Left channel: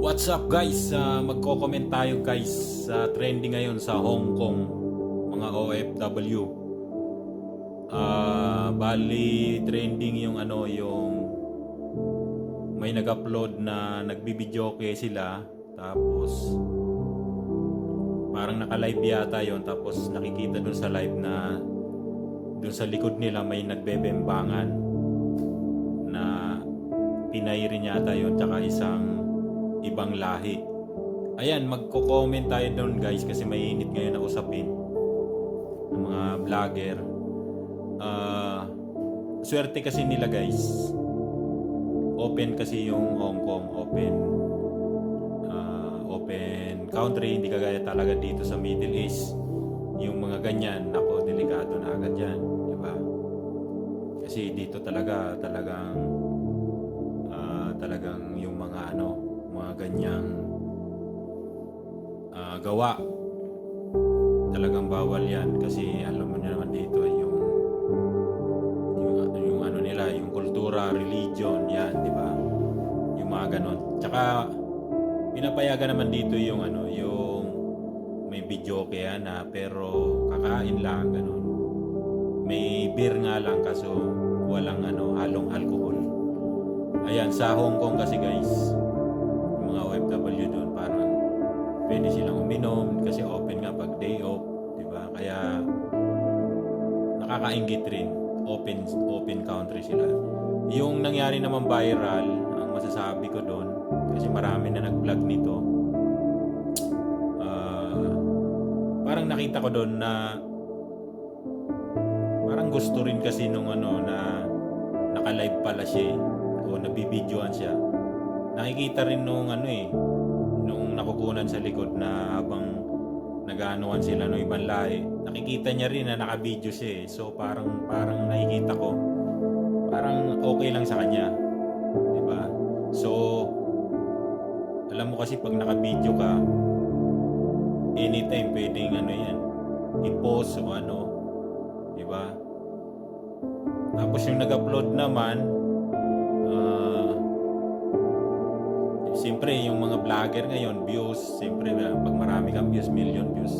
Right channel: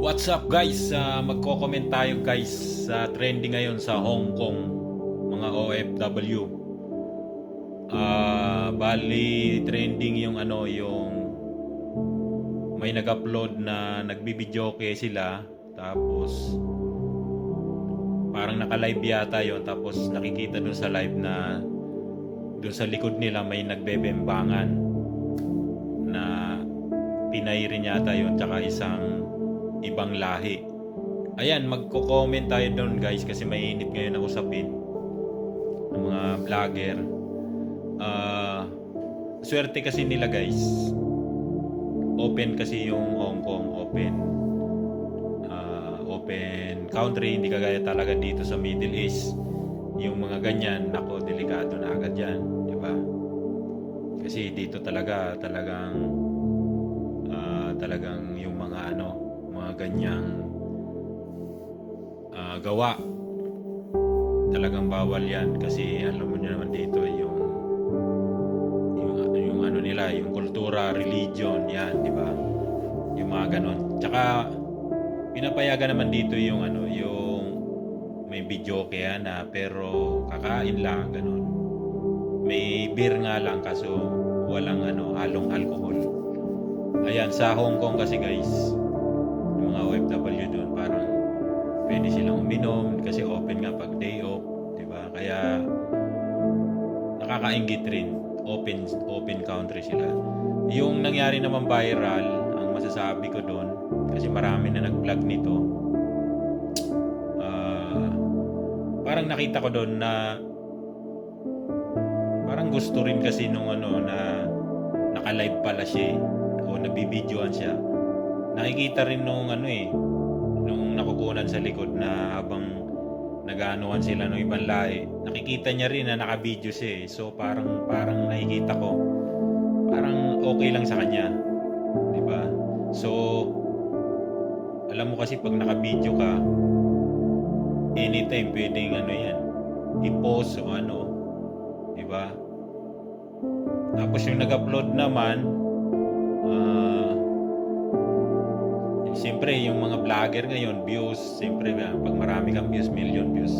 What's up guys? Uh, magko-comment tayo guys sa trending ngayon sa Hong Kong mga OFW. Ah, bali trending yung ano yung may nag-upload na nagbibideo kay sila tapos parang naka-live yata yon tapos nakikita dun sa live na dun sa likod nila may nagbebembangan na Pinay rin yata yon tsaka isang ibang lahi. Ayan, magko-comment tayo doon guys kasi mainit ngayon na usapin ng mga vlogger. Ah, swerte kasi nila guys. Open kasi yung Hong Kong, open ah, open country, hindi kagaya talaga dito sa Middle East. Yung mga ganyan, nako, delikado na agad yan, di ba? Kasi dito talaga, talagang ah, talagang yung mga ano, mga ganyang ah, gawa talagang bawal yan kasi alam mo nyo naman dito yung yung, yung ano nila, yung kultura, religion, yan, di ba? Yung mga ganon. Tsaka pinapayagan naman dito yung ano, yung may video kaya na pero kakain lang ganon. May beer nga lang kaso walang ano, halong alcohol. Ayan, sa Hong Kong kasi guys, OFW doon parang pwede silang uminom kasi open nga pag day off, 'di ba? Kaya nakakaingit rin. Open open country sila. Yung nangyari naman viral, ang masasabi ko doon kasi marami na nag-vlog nito. ah, parang nakita ko doon na parang gusto rin kasi nung ano na naka-live pala siya o nabibidyoan siya. Nakikita rin nung ano eh, nung nakukunan sa likod na habang nagaanuan sila ng ibang lahi, nakikita niya rin na nakabidyo siya eh. So parang parang nakikita ko parang okay lang sa kanya. ba? So alam mo kasi pag nakabidyo ka anytime pwedeng ano 'yan i-post o ano ba? Tapos yung nag-upload naman ah Siyempre, yung mga vlogger ngayon, views, siyempre, ah, pag marami kang views, million views,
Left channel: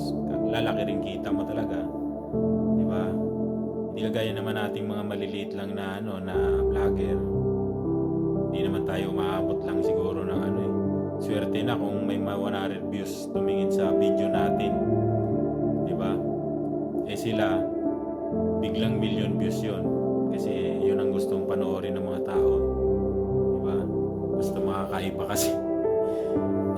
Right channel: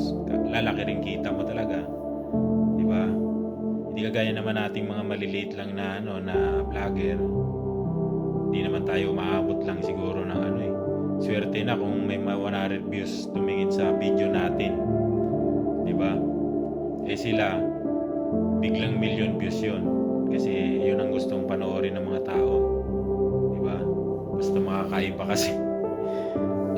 lalaki rin kita mo talaga. Di ba? Hindi kagaya naman nating mga maliliit lang na, ano, na vlogger. Hindi naman tayo maabot lang siguro ng ano eh. Swerte na kung may mga 100 views tumingin sa video natin. Di ba? Eh sila, biglang million views yun. Kasi yun ang gustong panoorin ng mga tao. Basta makakaiba kasi.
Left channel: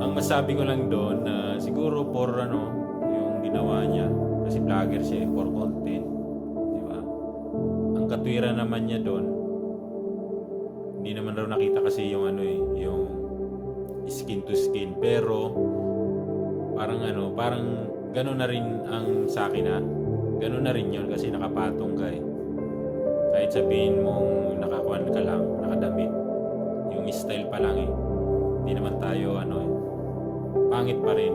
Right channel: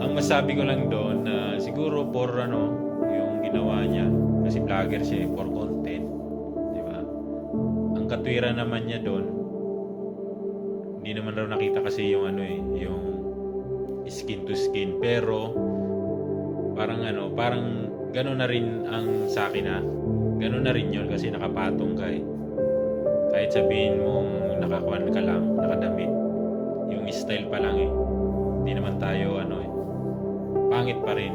Ang masabi ko lang doon na siguro for ano, yung ginawa niya kasi vlogger siya eh, for content, 'di ba? Ang katwiran naman niya doon hindi naman raw nakita kasi yung ano eh, yung skin to skin pero parang ano, parang gano'n na rin ang sa akin ha. Gano'n na rin yun kasi nakapatong ka eh. Kahit sabihin mong nakakuan ka lang, nakadamit yung style pa lang eh. Hindi naman tayo ano eh. Pangit pa rin.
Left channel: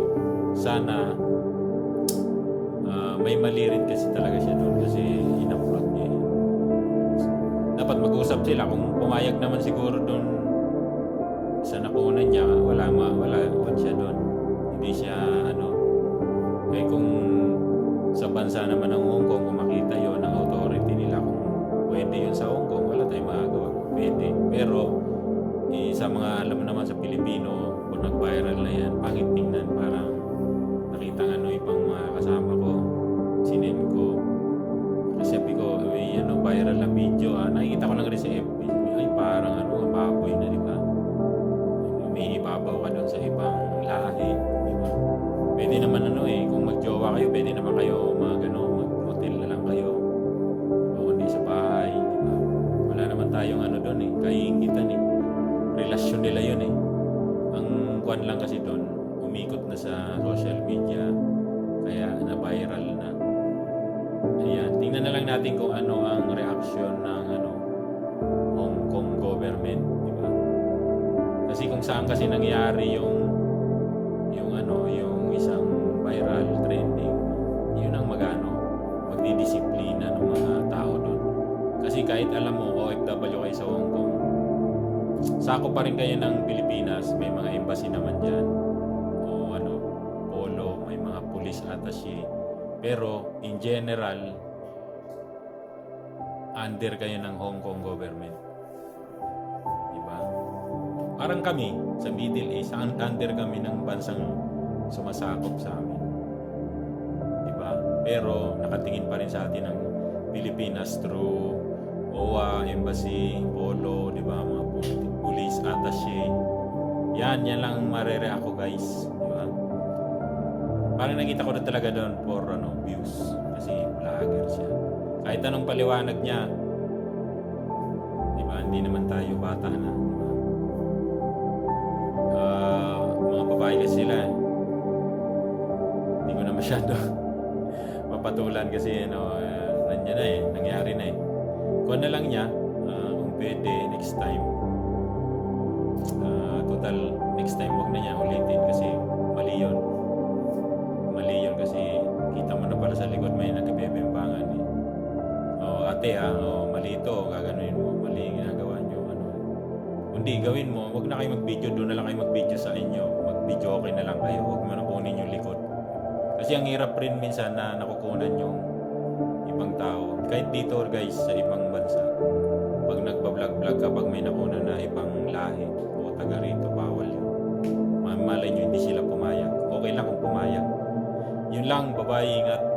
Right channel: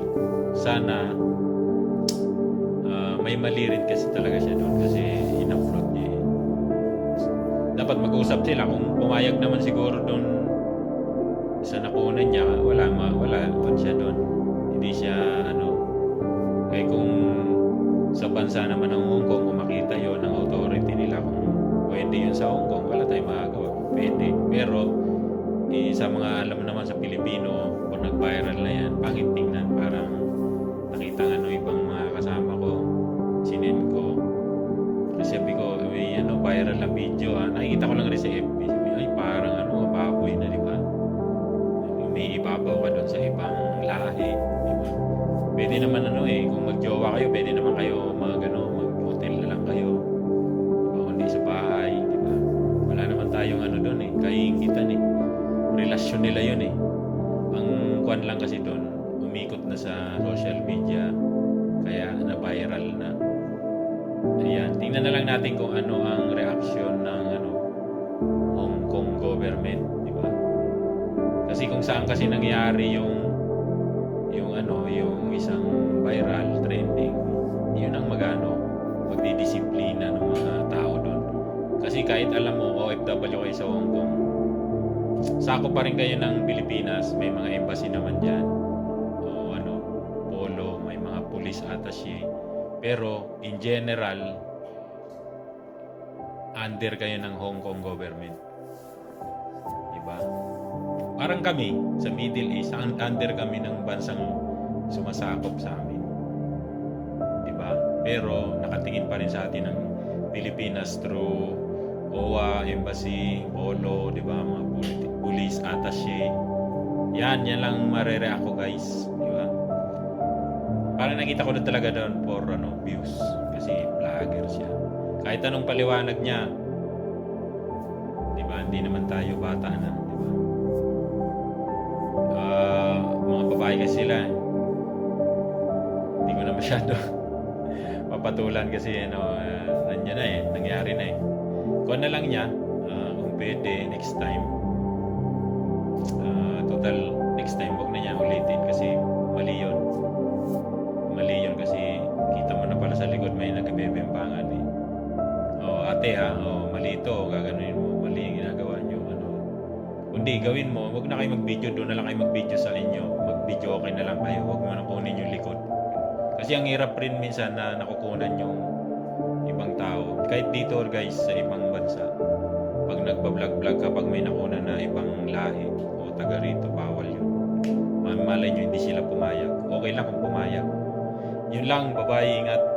Sana ah, may mali rin kasi talaga siya doon kasi in-upload niya eh. Dapat mag-usap sila kung pumayag naman siguro doon sa nakunan niya, wala ma, wala wala siya doon. Hindi siya ano eh kung sa bansa naman ng Hong Kong kung makita yon ng authority nila kung pwede yun sa Hong Kong, wala tayong magagawa. Pwede. Pero eh, sa mga alam naman sa Pilipino, kung nag-viral na yan, pangit tingnan. Parang nakita nga nung ibang mga kasama ko, sinin ko. Kasi sabi ko, may ano, viral na video ah. Nakikita ko lang rin sa FB. Sabi, Ay, parang ano, baboy na, di ba? May ibabaw ka doon sa ibang lahi, di ba? Pwede naman ano eh, kung magjowa kayo, pwede naman kayo mag, ano, relasyon nila yun eh. Ang kwan lang kasi doon, umikot na sa social media, kaya na-viral na. Ayan, tingnan na lang natin kung ano ang reaction ng ano, Hong Kong government, di ba? Kasi kung saan kasi nangyari yung yung ano, yung isang viral trending, yun ang magano, magdidisiplina ng mga tao doon. Kasi kahit alam mo, OFW kayo sa Hong Kong, sako pa rin kayo ng Pilipinas, may mga embassy naman dyan. O ano, polo, may mga police attaché. Pero in general, under kayo ng Hong Kong government. Diba? Parang kami sa Middle East, un- under kami ng bansang sumasakop sa amin. Diba? Pero nakatingin pa rin sa atin ng Pilipinas through OWA, Embassy, Polo, di ba? Mga police, attaché. Yan, yan lang marere ako guys. Di ba? Parang nakita ko na talaga doon for ano, views. Kasi vlogger siya. Kahit anong paliwanag niya, di ba? Hindi naman tayo bata na, di ba? Ah, mga babae kasi sila. eh. Hindi ko na masyado papatulan kasi ano, uh, nandiyan na eh, nangyari na eh. Kuha na lang niya, ah, kung pwede next time. Ah, total, next time wag na niya ulitin kasi mali yun. Mali yun kasi kita mo na pala sa likod may nagkabebembangan eh. Oh, ate ha, oh, mali ito, gaganunin mo, mali yung ginagawa niyo, ano. Kundi gawin mo, wag na kayo mag-video, doon na lang kayo mag-video sa inyo. Mag-video okay na lang kayo, wag mo na kunin yung likod. Kasi ang hirap rin minsan na nakukunan yung ibang tao. Kahit dito guys, sa ibang bansa. Pag nagpa-vlog-vlog ka, pag may nakunan na ibang lahi o taga rito, bawal yun. Ma- Malay nyo, hindi sila pumayag. Okay lang kung pumayag. Yun lang, babae, ingat.